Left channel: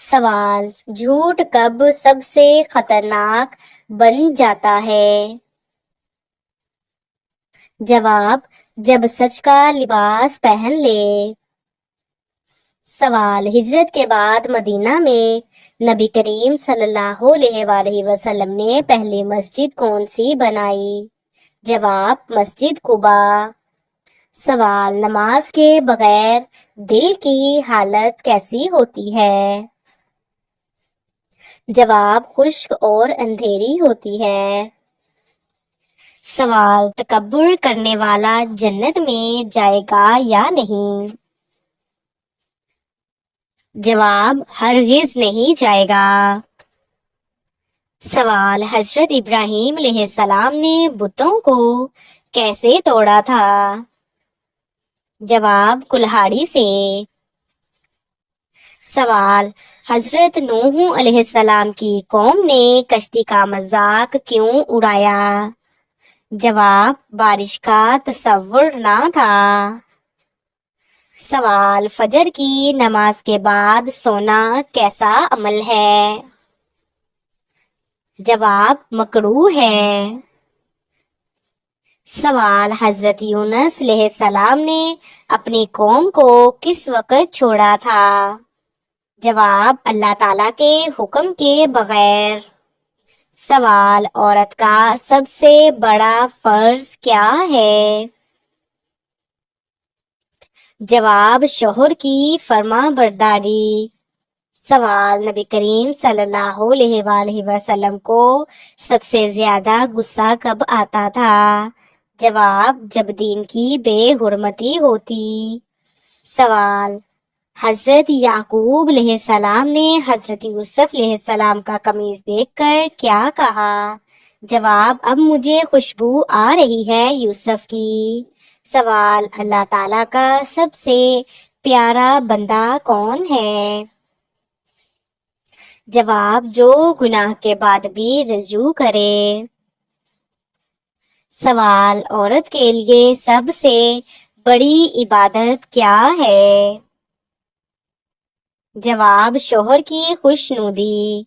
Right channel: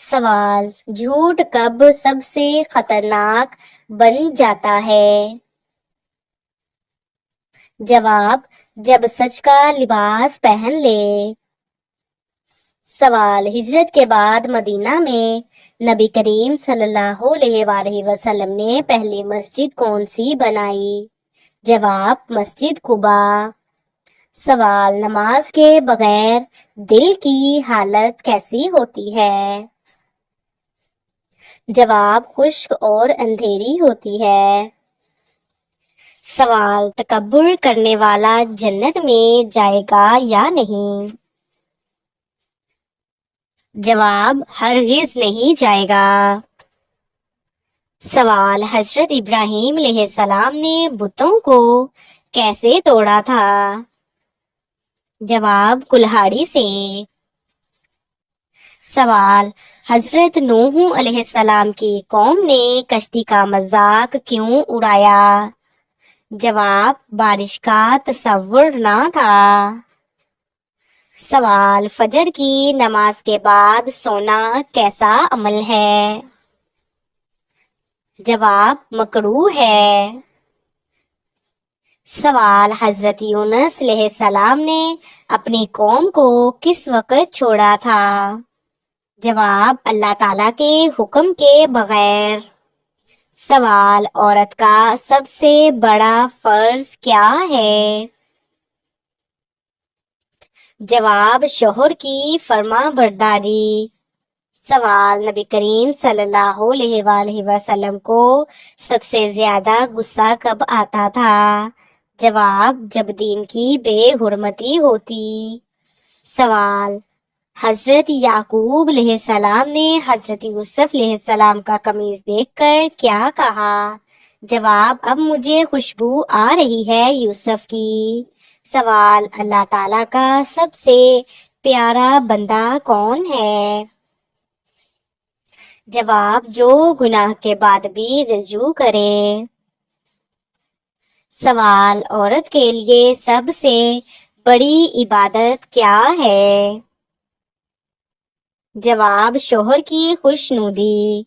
سوال: جھوٹ کب سب سے خطرناک بن جاتا ہے؟ جواب: جب سچ کا لباس پہن لے۔ سوال: ہجرت کے بعد مدینہ میں نبی کریم صلی اللہ علیہ وآلہ وسلم نے پہلی مسجد کون سی بنائی؟ جواب: مسجد قباء۔ سوال: نماز کے بغیر دل کی حالت کیسی ہوتی ہے؟ جواب: خشک اور اندھیری ہوتی ہے۔ سوال: تکبر کرنے والا جنت میں جائے گا یا نہیں؟ جواب: ہرگز نہیں جائے گا۔ سوال: حضرت ابراہیم علیہ السلام نے بتوں کو کیسے توڑا تھا؟ جواب: کلہاڑی سے۔ سوال: حضرت نوح علیہ السلام کی قوم نے کشتی کا مذاق کیوں اڑایا؟ جواب: بارش کا تصور نہ تھا۔ سوال: فجر کی نماز کے بعد سونا کیسا عمل ہے؟ جواب: مکروہ ہے۔ سوال: حضرت یونس علیہ السلام نے اپنی قوم کو کس وقت چھوڑا تھا؟ جواب: اللہ تعالیٰ کے حکم کے بغیر۔ سوال: عورت کا سب سے بڑا فرض کیا ہے؟ جواب: شوہر کی فرما برداری۔ سوال: نبی کریم صلی اللہ علیہ وآلہ وسلم کو سب سے زیادہ غصہ کب آتا تھا؟ جواب: جب دین کی بے حرمتی ہوتی۔ سوال: حضرت یعقوب علیہ السلام نے حضرت یوسف علیہ السلام کا قمیص دیکھ کر کیا کہا؟ جواب: اب مجھے خوشبو آ رہی ہے یوسف کی۔ سوال: اللہ تعالیٰ کا سب سے پیارا بندہ کون ہے؟ جواب: جو گناہ کے بعد بھی رجوع کرے۔ سوال: عورت کے لیے سب سے بڑی عبادت کیا ہے؟ جواب: شوہر کی خوشنودی۔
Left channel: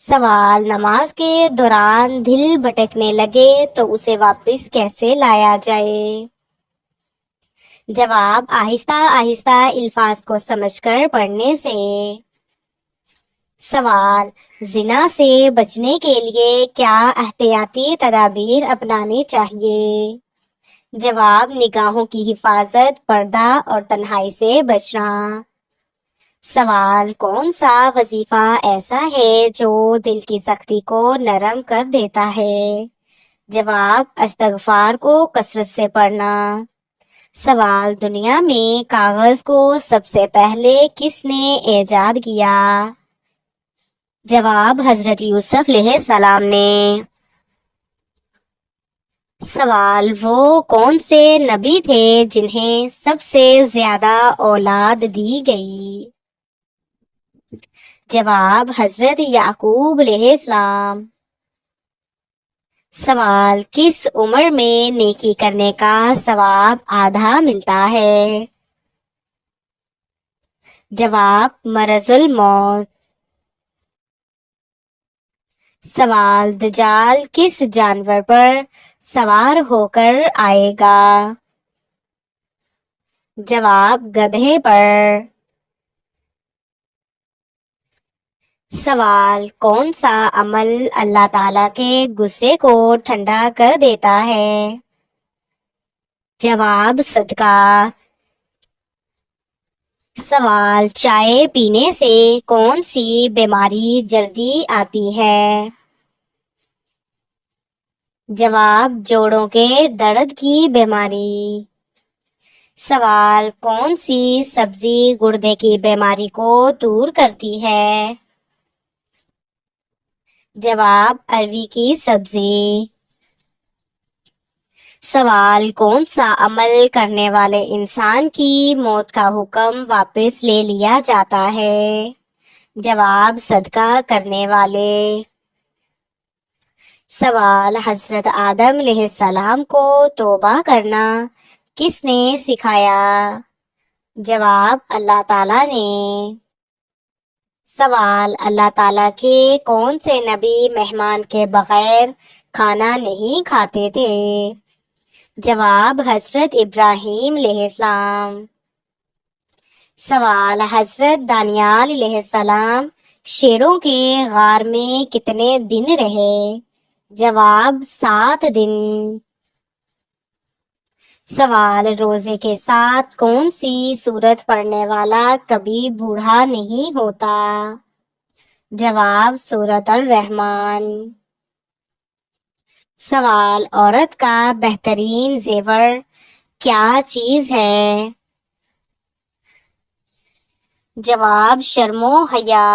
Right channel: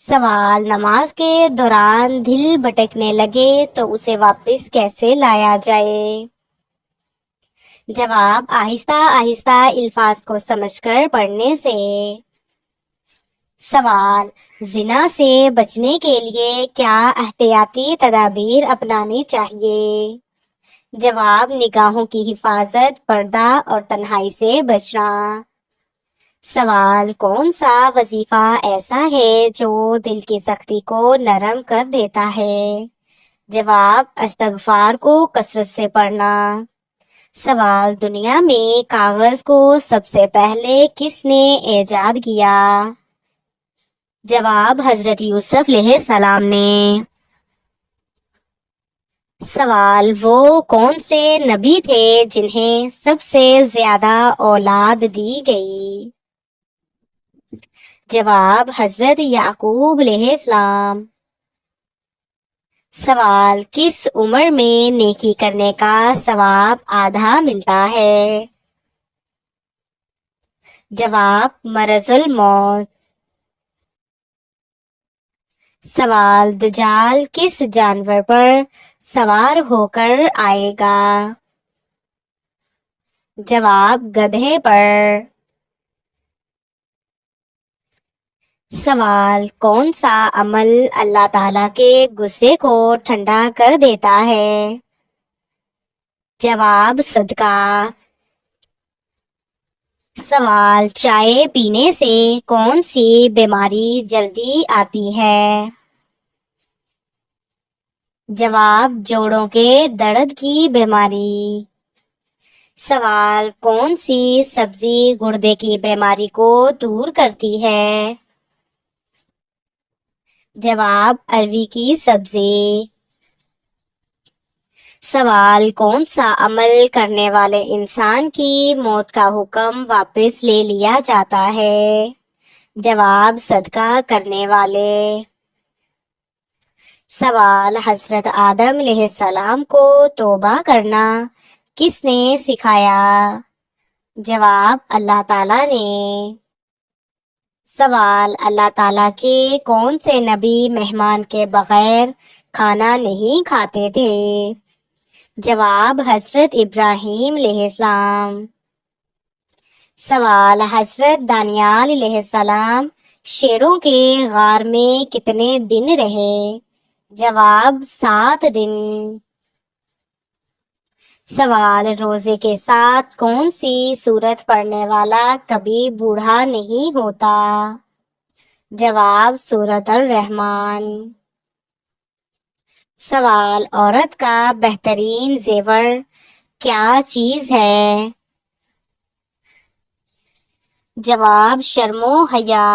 سوال: نماز کے دوران دل بھٹکنے لگے تو اسے واپس کیسے لایا جائے؟ جواب: آہستہ آہستہ الفاظ کو سمجھ کر پڑھنے سے۔ سوال: زنا سے بچنے کے لیے کیا احتیاطی تدابیر اپنانی چاہیے؟ جواب: نگاہوں کی حفاظت، پردہ اور تنہائی سے بچنا۔ سوال: کون سا وظیفہ ایسا ہے جو دل کی سختی کو نرم کر دیتا ہے؟ جواب: استغفار کو کثرت سے پڑھنا۔ سوال: دنیا میں کاغذ کو سب سے پہلے کس نے ایجاد کیا؟ جواب: حضرت یوسف علیہ السلام نے۔ سوال: وہ کون سے نبی تھے جنہیں سب سے زیادہ اولاد دی گئی؟ جواب: حضرت یعقوب علیہ السلام۔ سوال: کس عمر میں نیکی کرنے کا ثواب آدھا ملتا ہے؟ جواب: مرض الموت۔ سوال: دجال کس جانور پر سوار ہو کر آئے گا؟ جواب: گدھے پر۔ سوال: کون سا عمل اللہ تعالیٰ کے غصے کو ٹھنڈا کر دیتا ہے؟ جواب: صدقہ۔ سوال: چائے پینے سے کون سی بیماری جلدی آتی ہے؟ جواب: جوڑوں کے درد کی بیماری۔ سوال: کون سی سبزی گردے کی بیماری کو دور کرتی ہے؟ جواب: اروی کی سبزی۔ سوال: کون سا عمل کرنے والے انسان کی موت کا حکم واپس لے لیا جاتا ہے؟ جواب: صدقہ کرنے والے۔ سوال: حضرت آدم علیہ السلام کو توبہ کرنا کس نے سکھایا؟ جواب اللہ تعالیٰ نے۔ سوال اللہ تعالیٰ کے کون سے نبی مہمان کے بغیر کھانا نہیں کھاتے تھے؟ جواب حضرت ابراہیم علیہ السلام۔ سوال حضرت دانیال علیہ السلام شیروں کے غار میں کتنے دن رہے؟ جواب 7 دن۔ سوال روزے کے ساتھ کون سی سورت پڑھنے والا کبھی بوڑھا نہیں ہوتا؟ جواب سورت الرحمن۔ سوال عورت کا بہترین زیور کیا چیز ہے؟ جواب شرم و حیا۔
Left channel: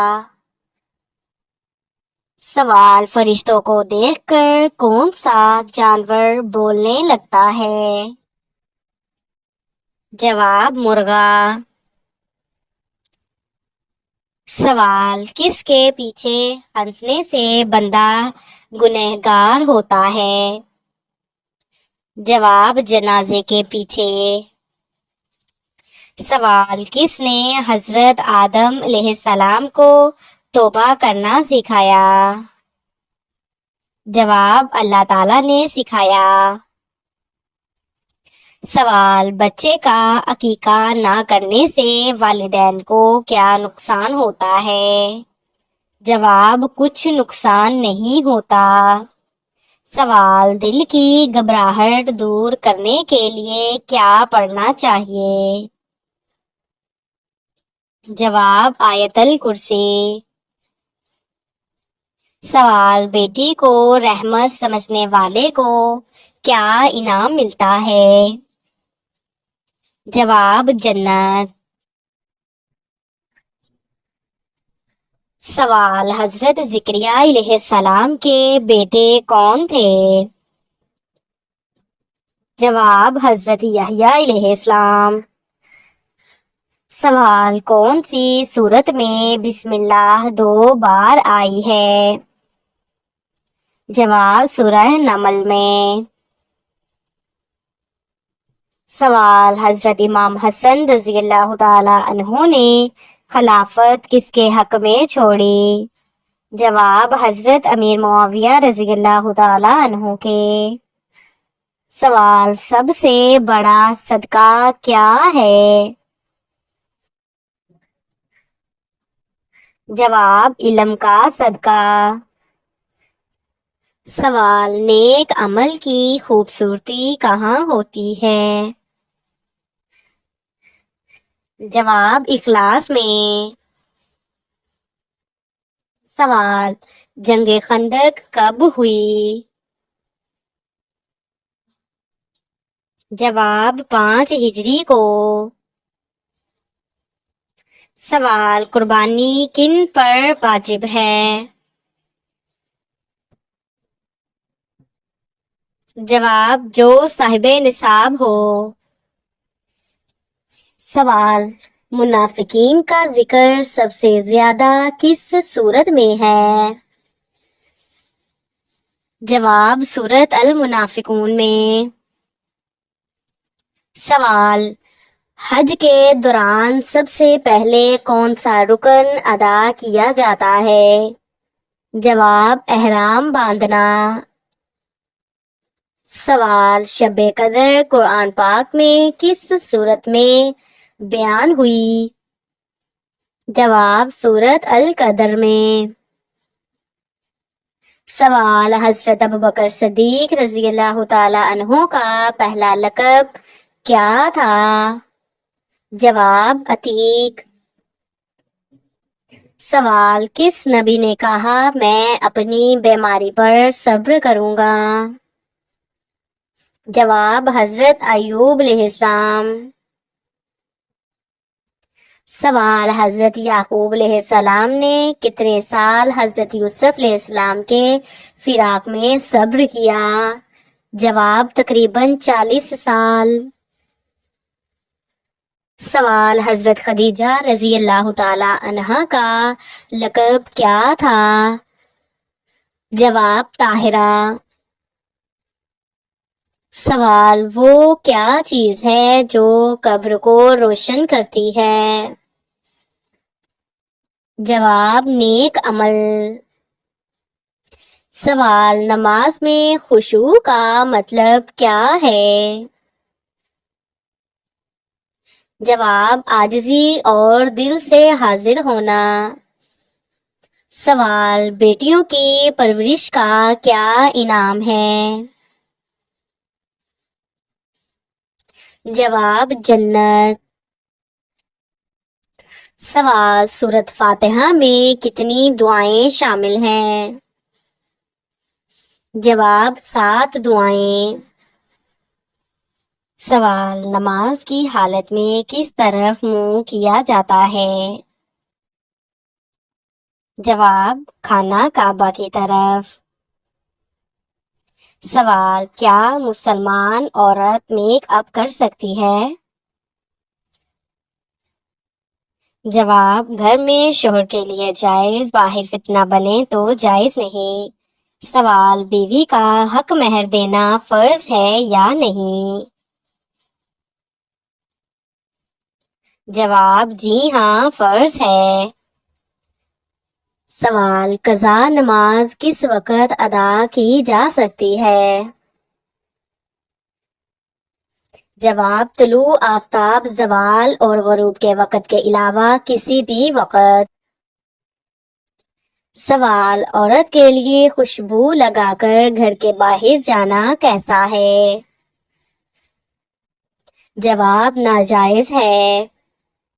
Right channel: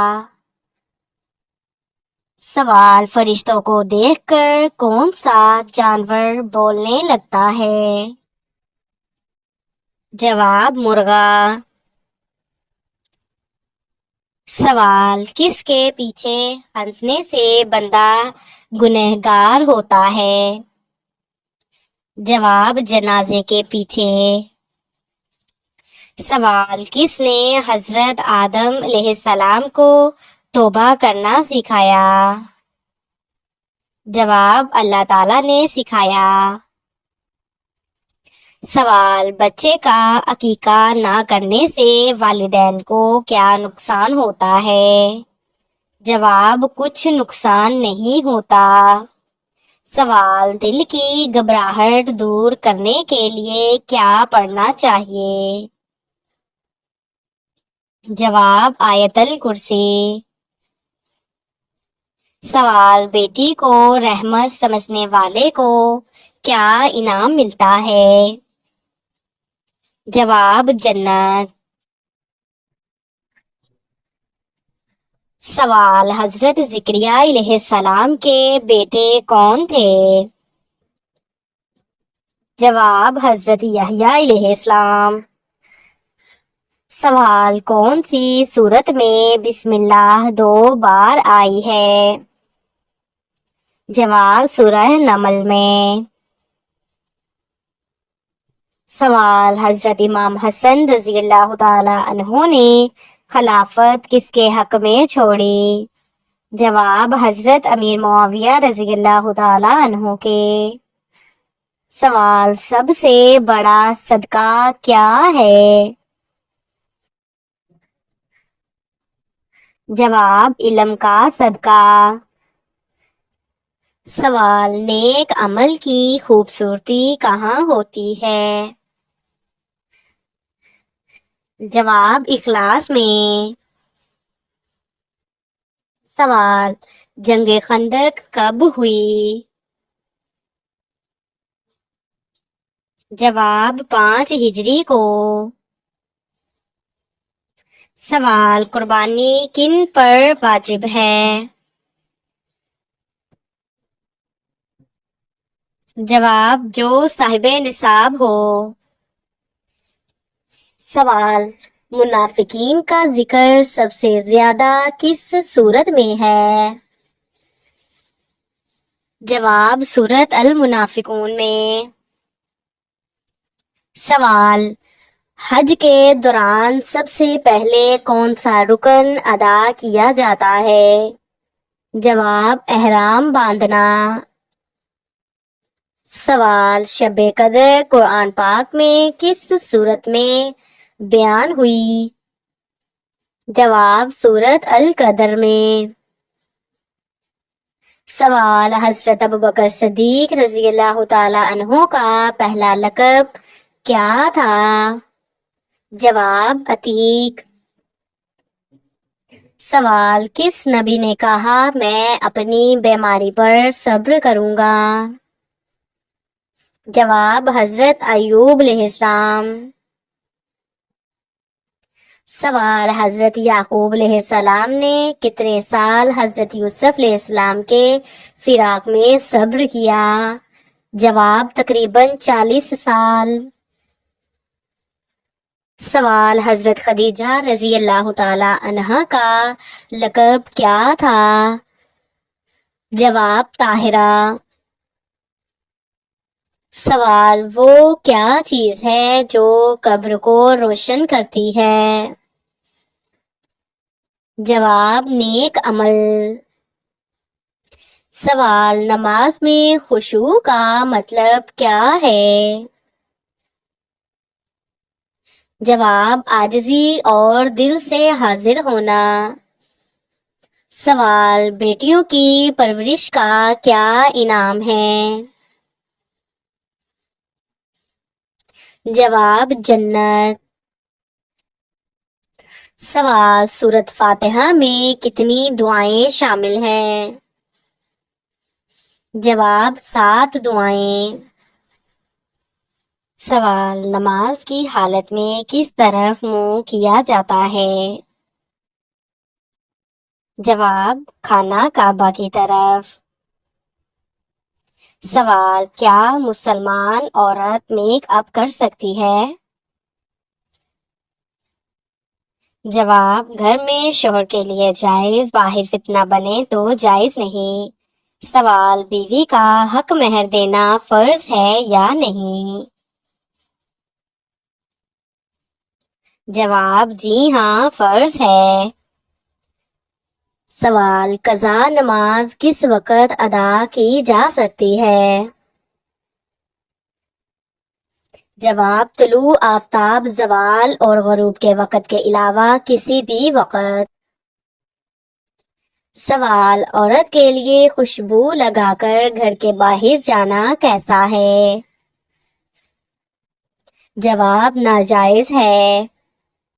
سوال فرشتوں کو دیکھ کر کون سا جانور بولنے لگتا ہے؟ جواب مرغا۔ سوال کس کے پیچھے ہنسنے سے بندہ گنہگار ہوتا ہے؟ جواب جنازے کے پیچھے۔ سوال کس نے حضرت آدم علیہ السلام کو توبہ کرنا سکھایا؟ جواب اللہ تعالیٰ نے سکھایا۔ سوال بچے کا عقیقہ نہ کرنے سے والدین کو کیا نقصان ہوتا ہے؟ جواب کچھ نقصان نہیں ہوتا۔ سوال دل کی گھبراہٹ دور کرنے کے لیے کیا پڑھنا چاہیے؟ جواب آیت الکرسی۔ سوال بیٹی کو رحمت سمجھنے والے کو کیا انعام ملتا ہے؟ جواب جنت۔ سوال حضرت زکریا علیہ السلام کے بیٹے کون تھے؟ جواب حضرت یحییٰ علیہ السلام۔ سوال کون سی سورت میں بسم اللہ 2 بار آئی ہے؟ جواب سورہ نمل میں۔ سوال حضرت امام حسن رضی اللہ تعالی عنہ نے خلافت کس کے حق میں چھوڑی؟ جواب حضرت امیر معاویہ رضی اللہ تعالی عنہ کے۔ سوال سب سے بڑا صدقہ کیا ہے؟ جواب علم کا صدقہ۔ سوال نیک عمل کی خوبصورتی کہاں ہوتی ہے؟ جواب اخلاص میں۔ سوال جنگ خندق کب ہوئی؟ جواب 5 ہجری کو۔ سوال قربانی کن پر واجب ہے؟ جواب جو صاحب نصاب ہو۔ سوال منافقین کا ذکر سب سے زیادہ کس سورت میں ہے؟ جواب سورت المنافقون میں۔ سوال حج کے دوران سب سے پہلے کون سا رکن ادا کیا جاتا ہے؟ جواب احرام باندھنا۔ سوال شب قدر قرآن پاک میں کس سورت میں بیان ہوئی؟ جواب سورت القدر میں۔ سوال حضرت ابوبکر صدیق رضی اللہ تعالی عنہ کا پہلا لقب کیا تھا؟ جواب عتیق۔ سوال کس نبی نے کہا میں اپنی بیماری پر صبر کروں گا؟ جواب حضرت ایوب علیہ السلام۔ سوال حضرت یعقوب علیہ السلام نے کتنے سال حضرت یوسف علیہ السلام کے فراق میں صبر کیا؟ جواب تقریباً 40 سال۔ سوال حضرت خدیجہ رضی اللہ تعالی عنہا کا لقب کیا تھا؟ جواب طاہرہ۔ سوال: وہ کیا چیز ہے جو قبر کو روشن کرتی ہے؟ جواب: نیک عمل۔ سوال: نماز میں خشوع کا مطلب کیا ہے؟ جواب: عاجزی اور دل سے حاضر ہونا۔ سوال: بیٹیوں کی پرورش کا کیا انعام ہے؟ جواب: جنت۔ سوال: سورۃ فاتحہ میں کتنی دعائیں شامل ہیں؟ جواب: 7 دعائیں۔ سوال: نماز کی حالت میں کس طرف منہ کیا جاتا ہے؟ جواب: خانہ کعبہ کی طرف۔ سوال: کیا مسلمان عورت میک اپ کر سکتی ہے؟ جواب: گھر میں شوہر کے لیے جائز، باہر فتنہ بنے تو جائز نہیں۔ سوال: بیوی کا حق مہر دینا فرض ہے یا نہیں؟ جواب: جی ہاں، فرض ہے۔ سوال: قضا نماز کس وقت ادا کی جا سکتی ہے؟ جواب: طلوع آفتاب، زوال اور غروب کے وقت کے علاوہ کسی بھی وقت۔ سوال: عورت کے لیے خوشبو لگا کر گھر کے باہر جانا کیسا ہے؟ جواب: ناجائز ہے۔